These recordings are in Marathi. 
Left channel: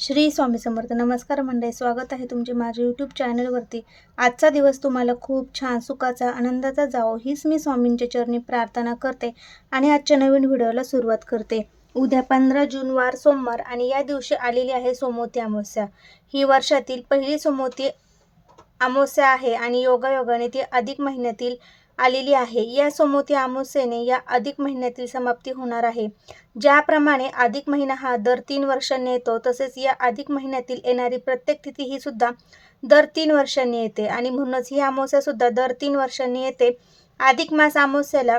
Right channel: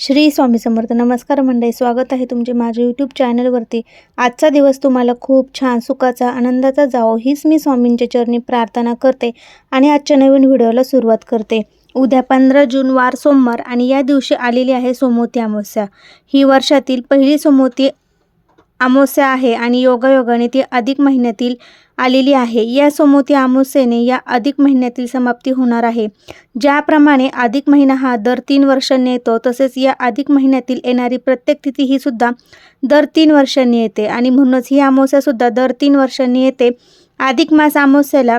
श्री स्वामी समर्थ. नमस्कार मंडळी, स्वागत आहे तुमचे माझ्या यूट्यूब चॅनलवरती. आजचा दिवस तुम्हाला खूप छान, सुखाचा, आनंदाचा जावो हीच मी स्वामींच्या चरणी प्रार्थना करते आणि आजच्या नवीन व्हिडिओला सुरुवात करते. उद्या 15 जून वार सोमवार आणि या दिवशी आलेली आहे सोमवती अमावस्या. ही वर्षातील पहिली सोमवती अमावस्या आहे आणि योगायोगाने ती अधिक महिन्यातील आलेली आहे. या सोमवती अमावस्येने या अधिक महिन्यातील समाप्ती होणार आहे. ज्याप्रमाणे अधिक महिना हा दर 3 वर्षांनी येतो, तसेच या अधिक महिन्यातील येणारी प्रत्येक तिथी ही सुद्धा दर 3 वर्षांनी येते आणि म्हणूनच ही अमावस्या सुद्धा दर 3 वर्षांनी येते. अधिक मास अमावस्येला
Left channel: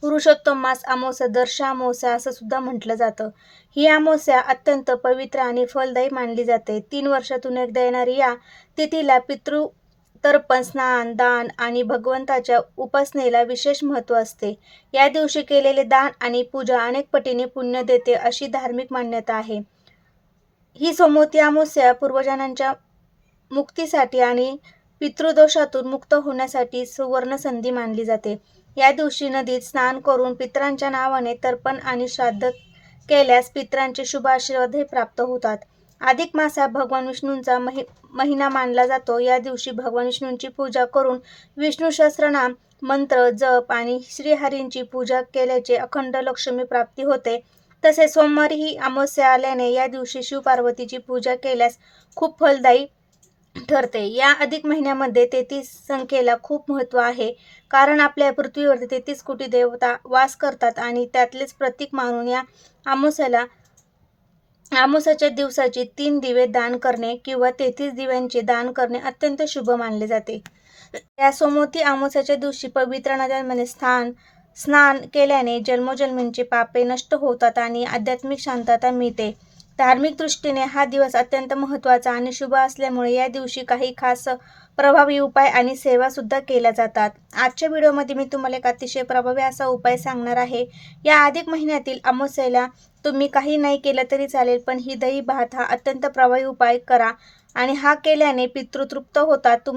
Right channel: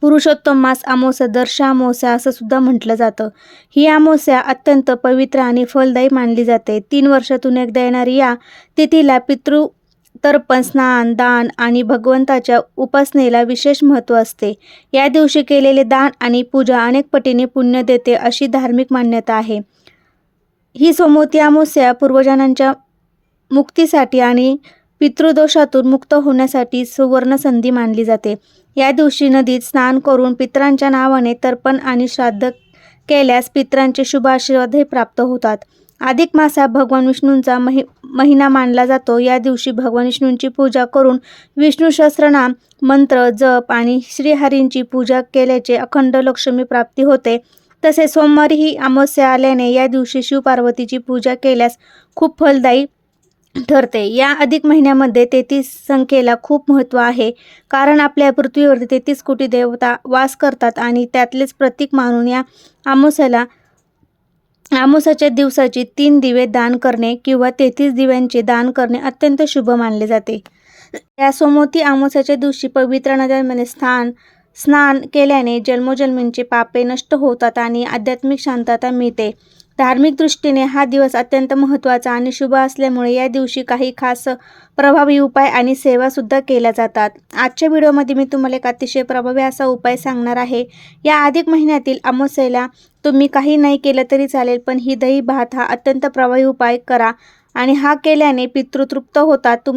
पुरुषोत्तम मास अमावस्या, दर्शा अमावस्या असं सुद्धा म्हटलं जातं. ही अमावस्या अत्यंत पवित्र आणि फलदायी मानली जाते. 3 वर्षातून एकदा येणारी या तिथीला पितृतर्पण, स्नान, दान आणि भगवंताच्या उपासनेला विशेष महत्त्व असते. या दिवशी केलेले दान आणि पूजा अनेक पटीने पुण्य देते अशी धार्मिक मान्यता आहे. ही सोमवती अमावस्या पूर्वजनांच्या मुक्तीसाठी आणि पितृदोषातून मुक्त होण्यासाठी सुवर्ण संधी मानली जाते. या दिवशी नदीत स्नान करून पितरांच्या नावाने तर्पण आणि श्राद्ध केल्यास पितरांचे शुभ आशीर्वादही प्राप्त होतात. अधिक मास हा भगवान विष्णूंचा महिना मानला जातो. या दिवशी भगवान विष्णूंची पूजा करून विष्णू सहस्त्रनाम मंत्र जप आणि श्रीहरींची पूजा केल्याचे अखंड लक्ष्मी प्राप्ती होते. तसेच सोमवारी ही अमावस्या आल्याने या दिवशी शिवपार्वतीची पूजा केल्यास खूप फलदायी ठरते. या अधिक महिन्यामध्ये 33 संख्येला खूप महत्त्व आहे, कारण आपल्या पृथ्वीवरती 33 कोटी देवता वास करतात आणि त्यातलेच प्रतीक मानून या अमावस्याच्या दिवसाची 3 दिवे दान करणे किंवा 33 दिव्यांचे दान करणे अत्यंत शुभ मानले जाते. या सोमवती अमावस्याच्या दिवशी पवित्र नद्यांमध्ये स्नान केल्याने जन्मोजन्मींचे पापे नष्ट होतात आणि आध्यात्मिक शांतता मिळते. धार्मिक दृष्टीने हा दिवस अत्यंत महत्त्वाचा आणि शुभ असल्यामुळे या दिवशी काही खास प्रभावी उपाय आणि सेवासुद्धा केल्या जातात. आजच्या व्हिडिओमध्ये मी तुम्हाला एक अतिशय प्रभावी असा उपाय सांगणार आहे. या अधिक महिन्यातील अमावस्येला तुम्ही काही नाही केलं तरी चालेल, पण ही दही भात हा अत्यंत प्रभावी उपाय करा आणि हा केल्याने पितृ तृप्त होतात,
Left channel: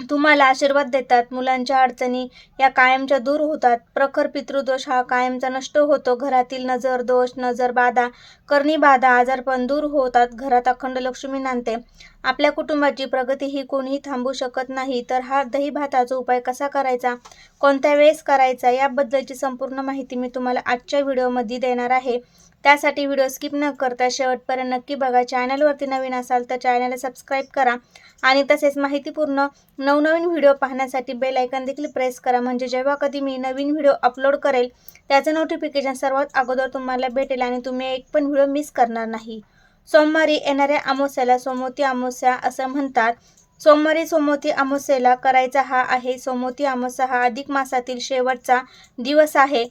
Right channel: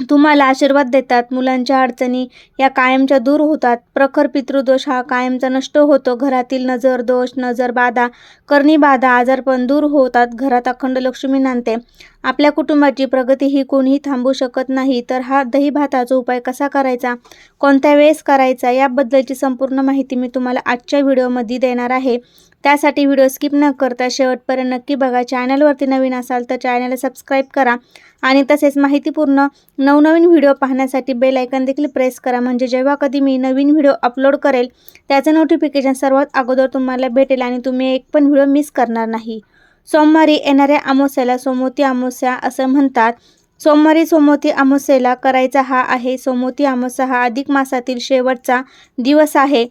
तुम्हाला आशीर्वाद देतात, मुलांच्या अडचणी या कायमच्या दूर होतात, प्रखर पितृदोष हा कायमचा नष्ट होतो, घरातील नजर दोष, नजर बाधा, करणी बाधा, आजारपण दूर होतात, घरात अखंड लक्ष्मी नांदते, आपल्या कुटुंबाची प्रगती ही कोणीही थांबवू शकत नाही. तर हा दही भाताचा उपाय कसा करायचा, कोणत्या वेळेस करायचा याबद्दलची संपूर्ण माहिती मी तुम्हाला आजच्या व्हिडिओमध्ये देणार आहे. त्यासाठी व्हिडिओ स्किप न करता शेवटपर्यंत नक्की बघा. चॅनलवरती नवीन असाल तर चॅनलला सबस्क्राईब करा आणि तसेच माहितीपूर्ण नवनवीन व्हिडिओ पाहण्यासाठी बेल आयकॉन देखील प्रेस करा, म्हणजे जेव्हा कधी मी नवीन व्हिडिओ अपलोड करेल त्याचे नोटिफिकेशन सर्वात अगोदर तुम्हाला भेटेल आणि तुम्ही एक पण व्हिडिओ मिस करणार नाही. सोमवारी येणाऱ्या अमावस्येला सोमवती अमावस्या असं म्हणतात. सोमवारी सोमवती अमावस्येला करायचा हा आहे. सोमवती अमावस्या हा अधिक मासातील शेवटचा दिवस आहे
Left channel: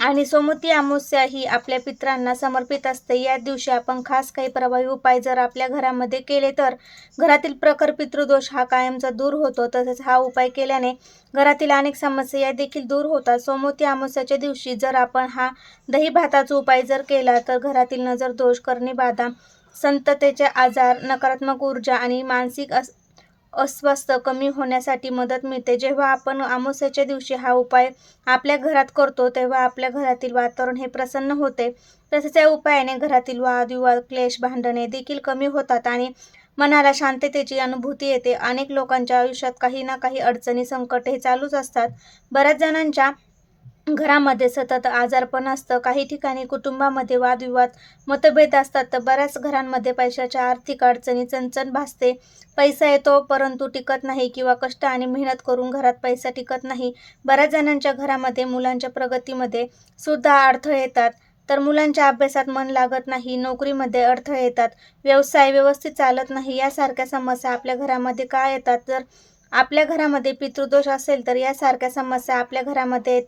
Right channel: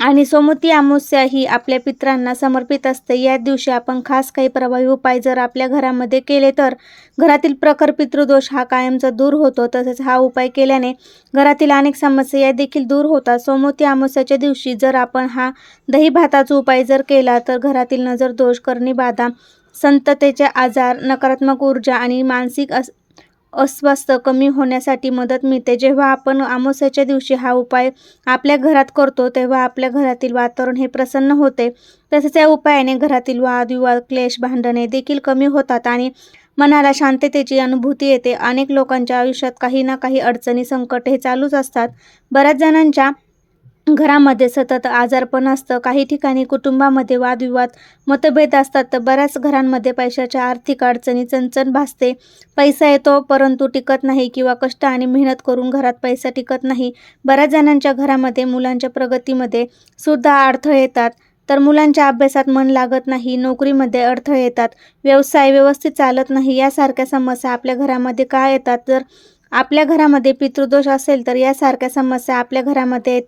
आणि सोमवती अमावस्या ही आपल्या पितरांना समर्पित असते. या दिवशी आपण खास काही प्रभावी उपाय जर आपल्या घरामध्ये केले तर घरातील प्रखर पितृदोष हा कायमचा दूर होतो. तसेच हा उपाय केल्याने घरातील अनेक समस्या या देखील दूर होतात. सोमवती अमावस्याच्या दिवशी जर आपण हा दही भाताचा उपाय जर केला तर घरातील नजर दोष, करणी बाधा, संततेचे आजार, नकारात्मक ऊर्जा आणि मानसिक अस्वस्थ कमी होण्यासाठी मदत मिळते. जेव्हा आपण अमावस्येच्या दिवशी हा उपाय आपल्या घरात करतो तेव्हा आपल्या घरातील वातावरण हे प्रसन्न होते. तसेच या उपायाने घरातील वादविवाद, क्लेश, भांडणे देखील कमी होतात आणि मनाला शांततेची अनुभूती येते. अनेक लोकांच्या आयुष्यात काही ना काही अडचणी, संकट हे चालूच असतात. बऱ्याच जणांच्या घरामध्ये सतत आजारपण असतं, काही ठिकाणी कुटुंबामध्ये वादविवाद, मतभेद असतात, तर बऱ्याच घरांमध्ये पैशाच्या आर्थिक अडचणी, चणचण भासते, पैसा येतो परंतु टिकत नाही किंवा कष्ट आणि मेहनत करून घरात पैसा टिकत नाही. बऱ्याच जणांच्या घरामध्ये मुलांच्या प्रगतीमध्ये सुद्धा अडथळे येतात, तर मुलांच्या अभ्यासात मन लागत नाही, नोकरीमध्ये अडथळे येतात, व्यवसाय व्यवस्थित चालत नाही. यासारख्या समस्या आपल्या घरामध्ये का येतात? जर आपल्या घरामध्ये पितृदोष असेल तर यासारख्या समस्या आपल्या घरामध्ये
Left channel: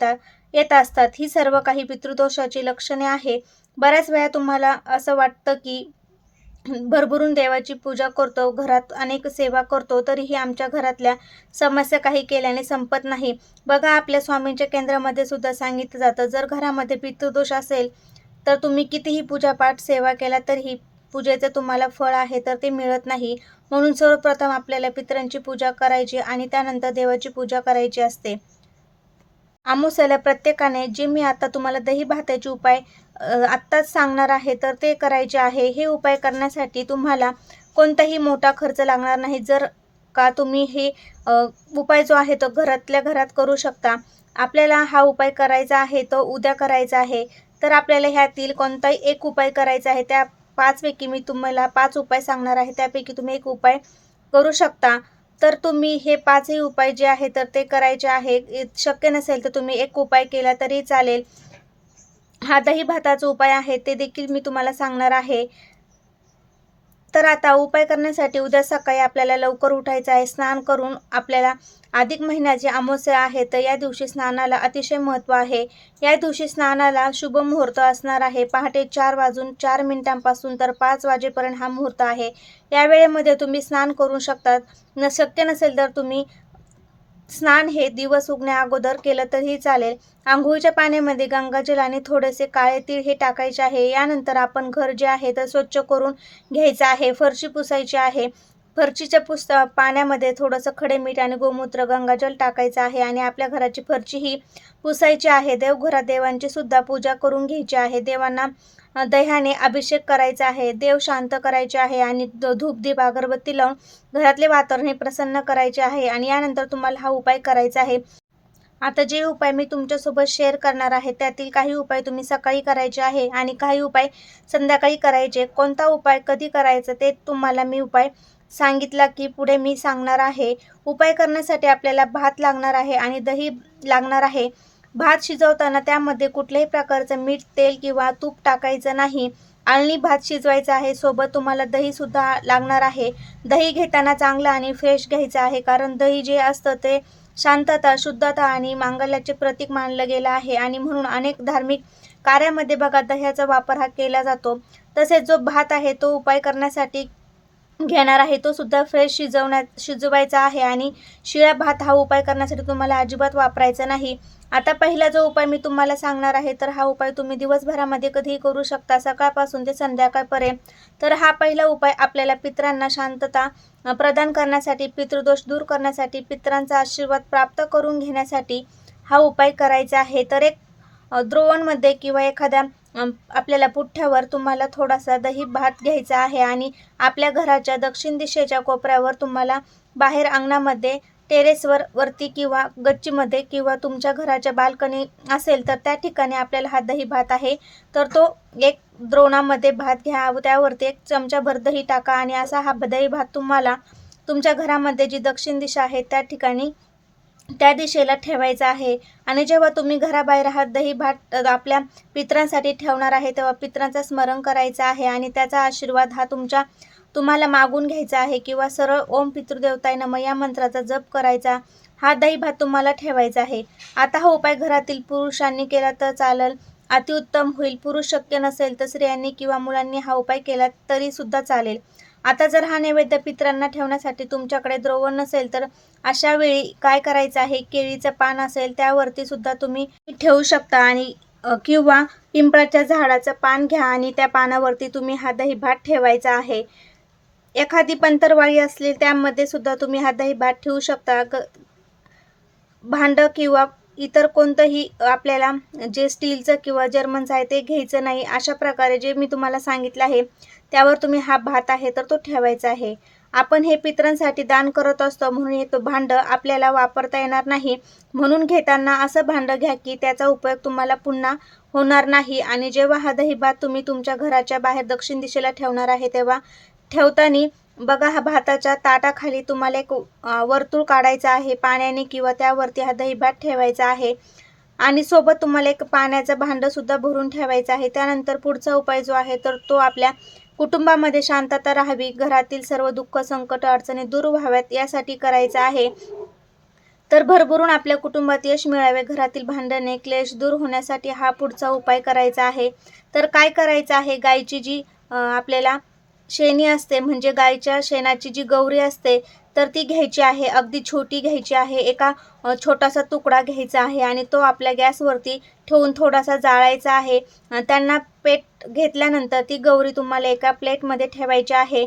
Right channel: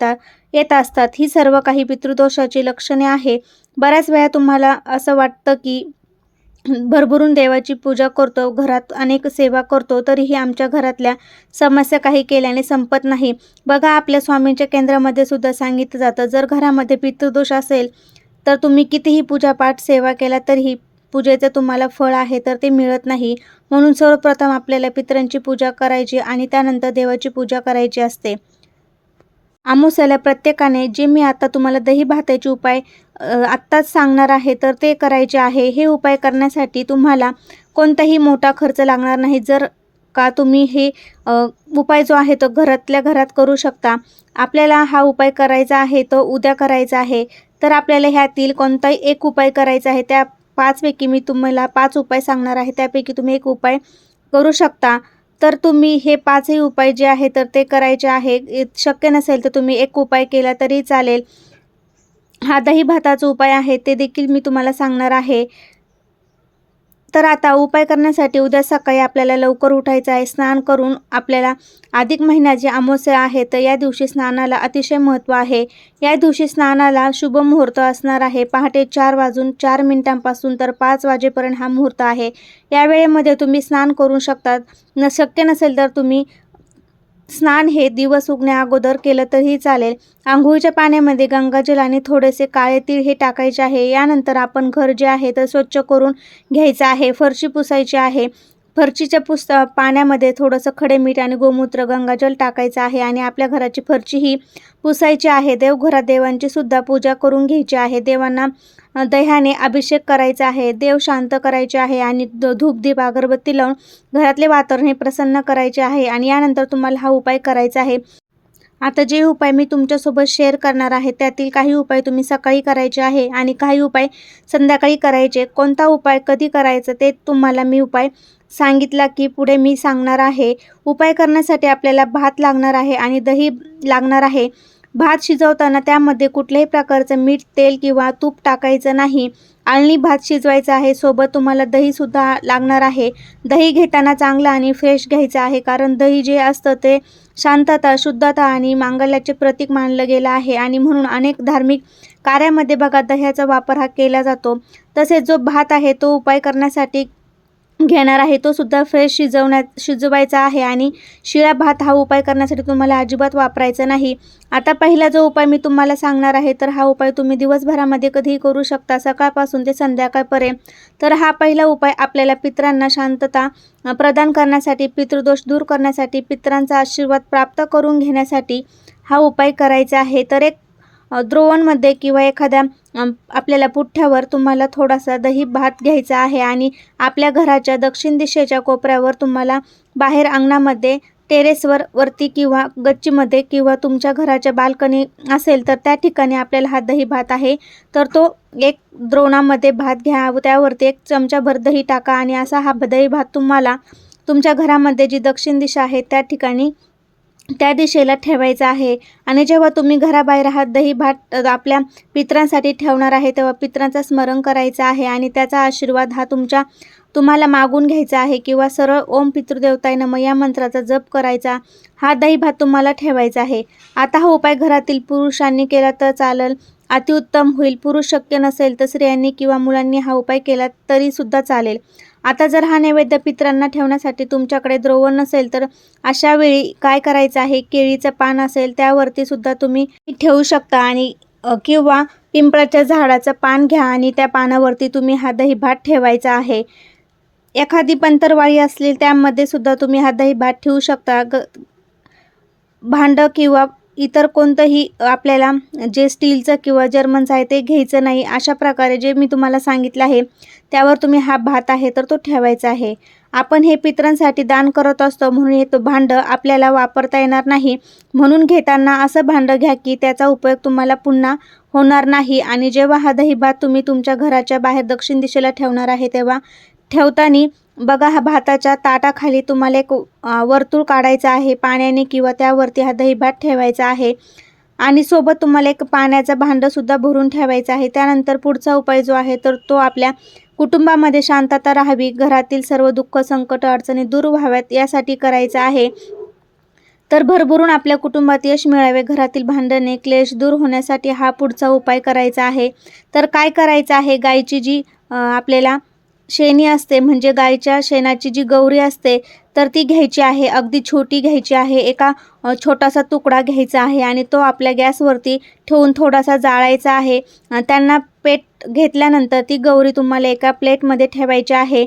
येत असतात. ही सर्व काही पितृदोषाची लक्षणे आहे. बऱ्याच वेळा तुम्हाला असं वाटतं की भरभरून देवाची पूजा करतो, घरात अनेक सेवा करतो, तरीही आमच्या घरातल्या समस्या काही केल्याने संपत नाही. बघा, आपल्या स्वामींच्या केंद्रामध्ये सुद्धा सांगितलं जातं, जर घरामध्ये पितृदोष असेल तर तुम्ही कितीही पूजापाठ सेवा केला तरीही पूजेचे तुम्हाला फळ आहे तर ते मिळत नाही. म्हणून सर्वप्रथम आपल्याला पितरांची पूजा करायची आणि त्यानंतर देवाची पूजा करायची असते. अमावस्येला प्रत्येकाने जे मी आता तुम्हाला दही भाताचे उपाय आत्ताच सांगणार आहे तर ते करायचे आहे. हे उपाय करण्यासाठी तुम्हाला कोणताही मोठा खर्च लागणार नाही. जर का तुम्ही हे उपाय जो आहे तो घरातल्या घरात करू शकता. आपल्याला हा उपाय करायचा आहे तो उद्या करायचा आहे. तर आपल्याला ह्यातील कोणताही एक उपाय करायचा आहे. त्या 5 पैकी मी तुम्हाला 5 उपाय सांगणार आहे. त्यापैकी तुम्ही एक उपाय करू शकता. तर तुम्ही हे 5ही उपाय जे आहे तर ते करायचे आहे. शक्य नसेल तर तुम्ही एक उपाय केला तरी चालेल. हा दही भाताचा उपाय आहे ते देखील मी तुम्हाला सांगणार आहे. तर आता उपाय करण्यासाठी उद्या सकाळी आपल्याला लवकर उठायचं आहे. स्नान करून आपल्याला अधिक महिन्याची अमावस्या आहे तर या दिवशी स्नानाला अतिशय महत्त्व आहे. या दिवशी स्नानाला शुभ मुहूर्त असणार आहे. पहाटे 4:04 तर 5 वाजेपर्यंत हा मुहूर्त आहे. या वेळेमध्ये तुम्ही स्नान करू शकतात. शक्य नसेल तर तुम्ही स्नान हे दिवस उगण्या अगोदर केलं तरीही चालेल. अंघोळीच्या पाण्यामध्ये गंगाजल आणि थोडेसे काळे तीळ हे टाकायचे आहे. यानंतर आपण घर जे आहे तर स्वच्छ करून घ्यायचं आहे. फरशी पुसायची आहे. फरशीच्या पाण्यामध्ये थोडंसं खडे मीठ आणि गोमूत्र गंगाजल टाकायचं आहे आणि आपल्या घराची फरशी ही पुसायची आहे. देवघरात देवांची सुद्धा पूजा करून घ्यायची आहे. देवांना दह्याने अभिषेक करायचा आहे. देव शांत करायचे आहे आणि धूपदीप अगरबत्ती लावून घरातले वातावरण हे प्रसन्न करायचे आहे आणि यानंतर तुम्हाला हा उपाय करायचा आहे. आता जे उपाय मी तुमच्यासोबत शेअर करणार आहे त्यातील काही उपाय तुम्ही सकाळी करायचे आहे आणि काही उपाय संध्याकाळी करायचे. कोणता उपाय कधी करायचा ते तुम्हाला मी उपाय सांगितला की पुढे मी सांगणार आहे. उपाय करण्यासाठी आपल्याला भात लागणार आहे आणि दही लागणार आहे. भात शिजवताना त्यामध्ये कुठल्याही प्रकारचं मीठ, तेल किंवा तूप टाकायचं नाही. आळणी भात शिजवायचा आहे. सोबत तुम्हाला दहीसुद्धा लागणार आहे. दही घेताना चांगलं आणि फ्रेश घ्यायचं आहे कारण दही जे असतं ते शांतता, शुद्धता आणि मांगल्याचे प्रतीक मानलं गेलं आहे आणि म्हणून अनेक धार्मिक कार्यामध्ये बघा दह्याचा वापर हा केला जातो. तसेच जो भात आहे तो उपाय करण्यासाठी घेणार आहे तो सुद्धा फ्रेश शिजवायचा आहे आणि शिळा भात हा उपाय करण्यासाठी तुम्हाला अजिबात वापरायचा नाही. आता पहिला जो उपाय मी तुम्हाला सांगणार आहे तर हा उपाय तुम्ही दिवसभरामध्ये कधीही करू शकता, सकाळपासून ते संध्याकाळपर्यंत. तर हा पहिला उपाय आपल्याला पितरांना शांतता प्रदान करण्यासाठी, पितृदोष दूर करण्यासाठी, पितरांचा आशीर्वाद प्राप्त करून घेण्यासाठी हा उपाय करायचा आहे. तर एक द्रोवणमध्ये किंवा एखाद्या आपल्याला पुठ्ठ्यावर तुम्हाला थोडासा दही भात घ्यायचा आहे आणि आपल्या घराच्या दक्षिण दिशेच्या कोपऱ्यावर तुम्हाला बाहेर अंगणामध्ये टेरेसवर वरती किंवा गच्चीमध्ये किंवा तुमच्या घराच्या बाल्कनी असेल तर त्या ठिकाणी आपल्याला हा दही भात आहे तर तो एक द्रोणामध्ये भात घ्या. त्यावरती 1 चमचाभर दही टाका आणि असा हा दही भात तुम्हाला तुमच्या घरामध्ये जी दक्षिण दिशा आहे त्या ठिकाणी त्या दिशेला ठेवायचं आहे. आणि जेव्हा तुम्ही घराबाहेर हा दही भात आपल्या पितरांसाठी ठेवणार आहे तेव्हा पितरांचं स्मरण करायचं आहे आणि त्याचा आशीर्वाद हा तुम्हाला मागून घ्यायचा आहे किंवा सरळ ओम पितृदेवताय नमः या मंत्राचा जप करायचा. हा दही भात तुम्हाला ठेवायचा आहे. आता हा उपाय घरातील पुरुषांनी केला तर चालेल, अतिउत्तम होईल. पुरुष शक्य नसेल तर स्त्रियांनी किंवा मुलांनी हा उपाय केला तरीसुद्धा चालेल. आता जर हा नैवेद्य पितरांना ठेवण्यासाठी तुमच्याकडे द्रोवण नसेल तर अशा वेळी काय करायचं आहे, केळीचं पान असेल त्यावरती सुद्धा तुम्ही ठेवू शकता आणि किंवा पिंपळाच्या झाडाचं पान घ्या आणि त्या पानावरती तुम्ही हा दही भात ठेवायचा आहे. एखादी पंतरवाळी असली त्यामध्ये सुद्धा तुम्ही हा दही भात ठेवू शकता. भांडं किंवा इतर कोणतंही आपल्याला जे स्टीलचं किंवा जर्मनचं आहे ते घ्यायचं नाही. अशा प्रकारे जे मी तुम्हाला सांगितलं आहे त्यावर तुम्ही हा भात आहे तर तो ठेवायचा आहे. आपण हे पितरांसाठी दान करत असतो म्हणून हे तो भांडं आपल्याला वापरता येणार नाही. म्हणून घेताना असं भांडं घ्या की त्याचा उपयोग तुम्हाला पुन्हा होणार नाही. आणि जेव्हा हा दही भात तुम्ही तुमच्या घराच्या बाहेर दक्षिण दिशेला ठेवणार आहे तेव्हा ठेवताना बघा हा भाताच्या ताटाखाली तुम्हाला एक वर्तुळ काढायचं आहे पाण्याने किंवा त्यावरती हा दही भात ठेवायचा आहे आणि सोबत तुम्हाला एक पाण्याचं भांडंसुद्धा भरून ठेवायचं आहे. त्यानंतर पुढचा उपाय जो आहे तर तो आपल्या कुटुंबामध्ये शांतता राहावी, घरातील सर्व दुःख, संकट, अडचणी दूर व्हाव्यात यासाठी करायचा आहे. तर भरभरून आपल्या कुटुंबात यश मिळावे, घरातील भांडणे, क्लेश दूर होण्यासाठी हा पुढचा उपाय करायचा आहे. तर काय करायचं आहे, गायची जी आपल्याला शेणी असते म्हणजे गायच्या शेणाची जी गौरी असते तर ती घ्यायची आहे. अगदी छोटी घ्यायची आहे. एका छोटासा तुकडा घ्यायचा आहे आणि तो आपल्या गॅसवरती ठेवून थोडासा जाळायचा आहे. त्यांना पेट घेतल्यानंतर ती गौरी तुम्हाला एका प्लेटमध्ये ठेवायची आहे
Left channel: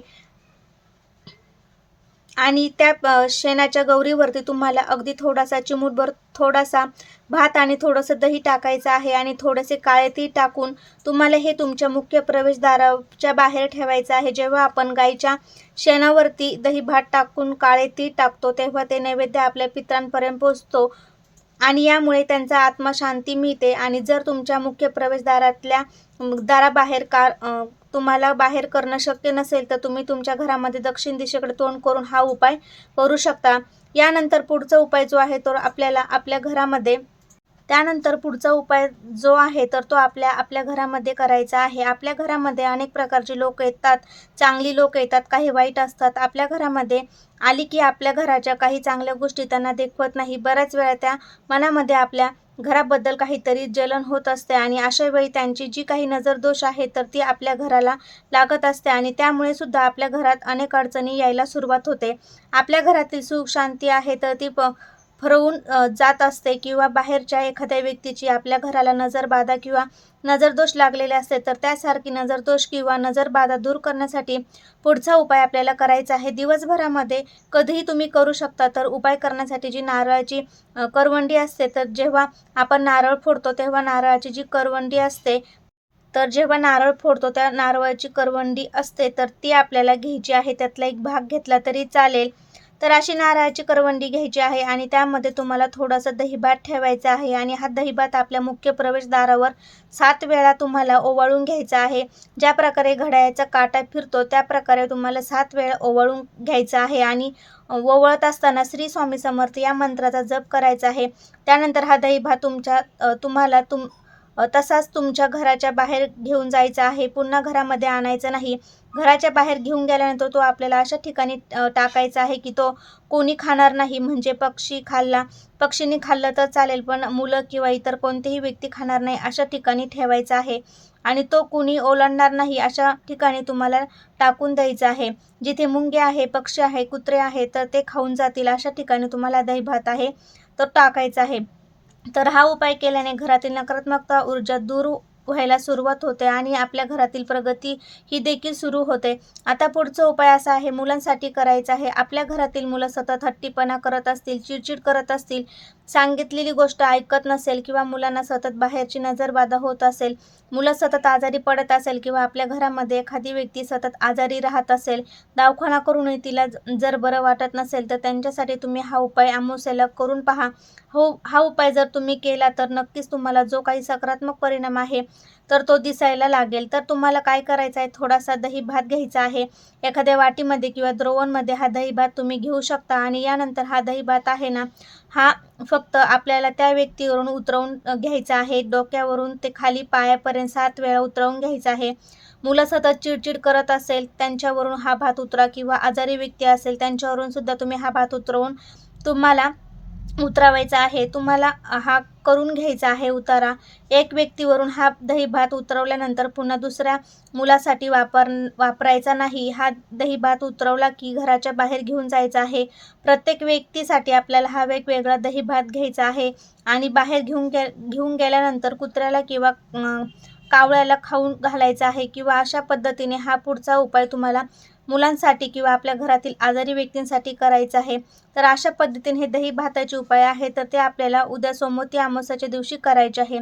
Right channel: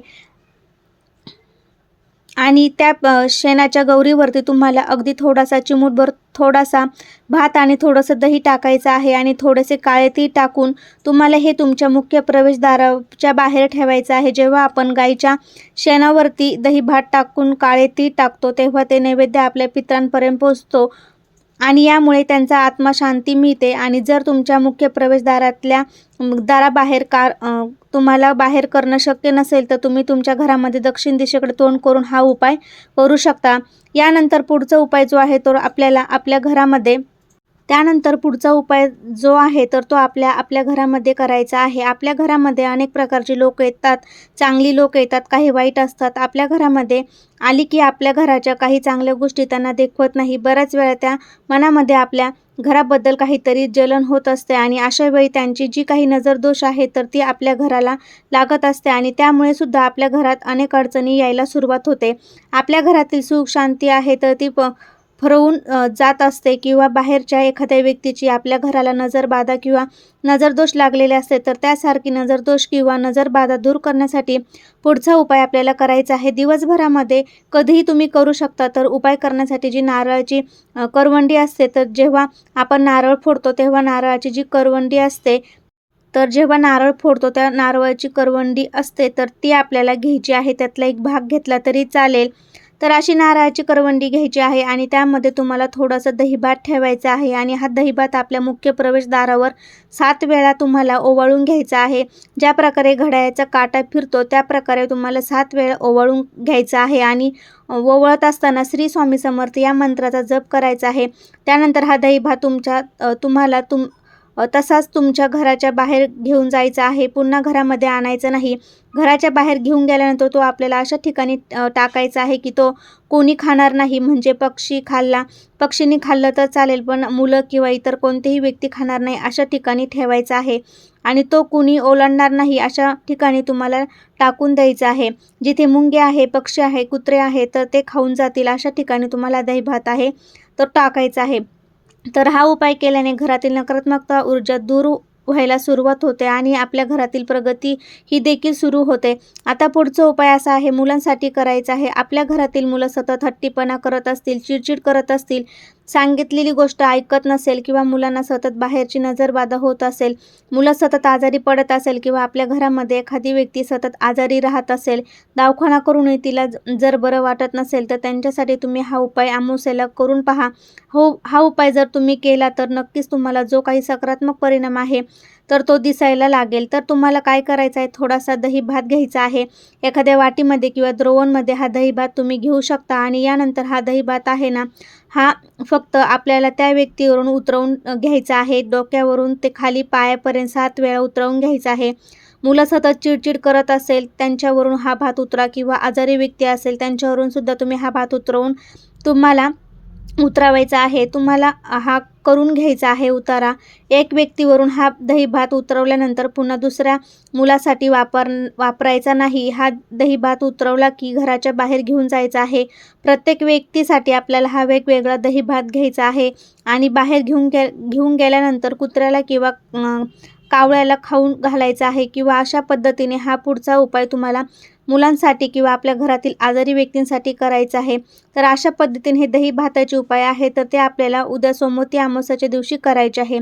आणि त्या शेणाच्या गौरीवरती तुम्हाला अगदी थोडासा चिमूटभर थोडासा भात आणि थोडंसं दही टाकायचं आहे आणि थोडेसे काळे तीळ टाकून तुम्हाला हे तुमच्या मुख्य प्रवेशद्वाराच्या बाहेर ठेवायचं आहे. जेव्हा आपण गाईच्या शेणावरती दही भात टाकून काळे तीळ टाकतो तेव्हा ते नैवेद्य आपल्या पितरांपर्यंत पोहोचतो आणि यामुळे त्यांचा आत्मा शांती मिळते. आणि जर तुमच्या मुख्य प्रवेशद्वारातल्या दाराबाहेर तुम्हाला बाहेर करणं शक्य नसेल तर तुम्ही तुमच्या घरामध्ये दक्षिण दिशेकडे तोंड करून हा उपाय करू शकता. यानंतर पुढचा उपाय जो आहे तो आपल्याला आपल्या घरामध्ये त्यानंतर पुढचा उपाय जो आहे तर तो आपल्या घरामध्ये करायचा आहे. आपल्या घरामध्ये अनेक प्रकारची लोक येतात, चांगली लोक येतात, काही वाईट असतात. आपल्या घरामध्ये आली की आपल्या घराच्या काही चांगल्या गोष्टी त्यांना देखवत नाही. बऱ्याच वेळा त्या मनामध्ये आपल्या घराबद्दल काहीतरी जलन होत असते आणि अशा वेळी त्यांची जी काही नजरदोष आहे तर ती आपल्या घराला लागत असते आणि त्यामुळे सुद्धा आपल्या घरात अनेक अडचणी यायला सुरुवात होते. आपल्या घरातील सुख शांती आहे तर ती फरवून जात असते किंवा बाहेरच्या एखाद्या व्यक्तीची आपल्या घराला नजरबाधा किंवा नजरदोष लागलेले असते. तर त्यासारखी नजरदोष किंवा नजरबाधा दूर करण्यासाठी पुढचा उपाय आपल्याला करायचा आहे. दिवसभरामध्ये कधीही तुम्ही करू शकता. तर उपाय करण्यासाठी जी नारळाची करवंडी असते तर जेव्हा आपण नारळ फोडतो तेव्हा नारळाची जी करवंडी असते तर जेव्हा नारळ फोडतो त्या नारळाची करवंडी असते तर ती आपल्याला घ्यायची आहे. त्यातला एक भाग घेतला तरी चालेल. तर अशी नारळाची करवंडी घ्यायची आहे आणि त्यामध्ये तुम्हाला थोडंसं दहीभात ठेवायचा आहे आणि हा दहीभात आपल्या मुख्य प्रवेशद्वारावर 7 वेळा तुम्हाला ओवाळून घ्यायचा आहे. ज्या प्रकारे घड्याळाचा काटा फिरतो त्या प्रकारे तुम्हाला 7 वेळा ओवाळून घ्यायचा आहे आणि ओवाळत असताना श्री स्वामी समर्थ या मंत्राचा जप करायचा आहे. त्यानंतर हा दहीभात तुम्हाला तसाच तुमच्या घराच्या बाहेर घेऊन जायचा आहे. पुन्हा घरामध्ये आणायचा नाही. घराच्या बाहेर घेऊन गेल्यानंतर तो आपल्याला अशा ठिकाणी टाकायचा आहे की तो कोणी खाणार नाही. म्हणजे पक्षीने खाल्लं तर चालेल पण मुलं किंवा इतर कोणतेही व्यक्ती खाणार नाही अशा ठिकाणी ठेवायचा आहे आणि तो कुणी ओलांडणार नाही अशा ठिकाणी तुम्हाला टाकून द्यायचं आहे. जिथे मुंगे आहे, पक्षी आहे, कुत्रे आहे तर ते खाऊन जातील अशा ठिकाणी तुम्हाला दहीभात आहे तो टाकायचा आहे. तर हा उपाय केल्याने घरातील नकारात्मकता ऊर्जा दूर व्हायला सुरुवात होते आणि आपल्या घरातील प्रगती ही देखील सुरू होते. आता पुढचा उपाय असा आहे, मुलांसाठी करायचा आहे. आपल्या घरातील मुलं सतत हट्टीपणा करत असतील, चिडचिड करत असतील, सांगितलेली गोष्ट ऐकत नसेल किंवा मुलांना सतत बाहेरची नजरबाधा होत असेल, मुलं सतत आजारी पडत असेल किंवा आपल्या घरामध्ये एखादी व्यक्ती सतत आजारी राहत असेल, दवाखाना करूनही तिला जर बरं वाटत नसेल तर त्यांच्यासाठी तुम्ही हा उपाय अमावास्येला करून पहा. हा उपाय जर तुम्ही केला तर नक्कीच तुम्हाला जो काही सकारात्मक परिणाम आहे तर तो दिसायला लागेल. तर तुम्हाला काय करायचं आहे, थोडासा दही भात घ्यायचा आहे. एखाद्या वाटीमध्ये किंवा द्रोवणमध्ये हा दही भात तुम्ही घेऊ शकता आणि यानंतर हा दही भात आहे ना, हा फक्त आपल्याला त्या व्यक्तीवरून उतरवून घ्यायचा आहे. डोक्यावरून ते खाली पायापर्यंत 7 वेळा उतरवून घ्यायचा आहे. मुलं सतत चिडचिड करत असेल त्यांच्यावरून हा भात उतरा किंवा आजारी व्यक्ती असेल त्यांच्यावरून सुद्धा तुम्ही हा भात तुम्हाला उतरवायचा आहे. तुम्हाला हा करून घ्यायचा आहे उतारा. एक व्यक्तीवरून हा दही भात उतरवल्यानंतर पुन्हा दुसऱ्या मुलासाठी वापरायचा नाही. हा दही भात उतरवला की घराच्या बाहेर घेऊन जायचा आहे. प्रत्येक व्यक्तीसाठी आपल्याला हा वेगवेगळा दही भात घ्यायचा आहे आणि बाहेर घेऊन गेल्यानंतर कुत्र्याला किंवा कावळ्याला खाऊन घालायचा आहे किंवा अशा पद्धतीने हा पुढचा उपाय तुम्हाला मुलांसाठी किंवा आपल्या घरातील आजारी व्यक्तींसाठी करायचं आहे. तर अशा पद्धतीने हे दही भाताचे उपाय आहे तर ते आपल्याला उद्या सोमवती अमावस्येच्या दिवशी करायचे आहे.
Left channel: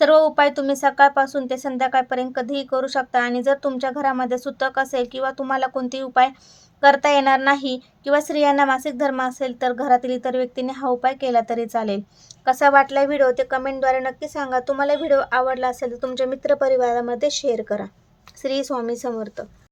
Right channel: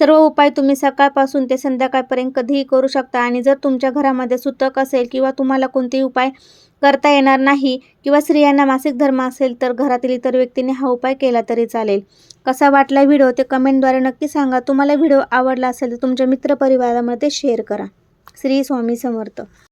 सर्व उपाय तुम्ही सकाळपासून ते संध्याकाळपर्यंत कधीही करू शकता आणि जर तुमच्या घरामध्ये सुतक असेल किंवा तुम्हाला कोणतेही उपाय करता येणार नाही किंवा स्त्रियांना मासिक धर्म असेल तर घरातील इतर व्यक्तींनी हा उपाय केला तरी चालेल. कसा वाटला व्हिडिओ ते कमेंटद्वारे नक्की सांगा. तुम्हाला व्हिडिओ आवडला असेल तर तुमच्या मित्रपरिवारामध्ये शेअर करा. श्री स्वामी समर्थ.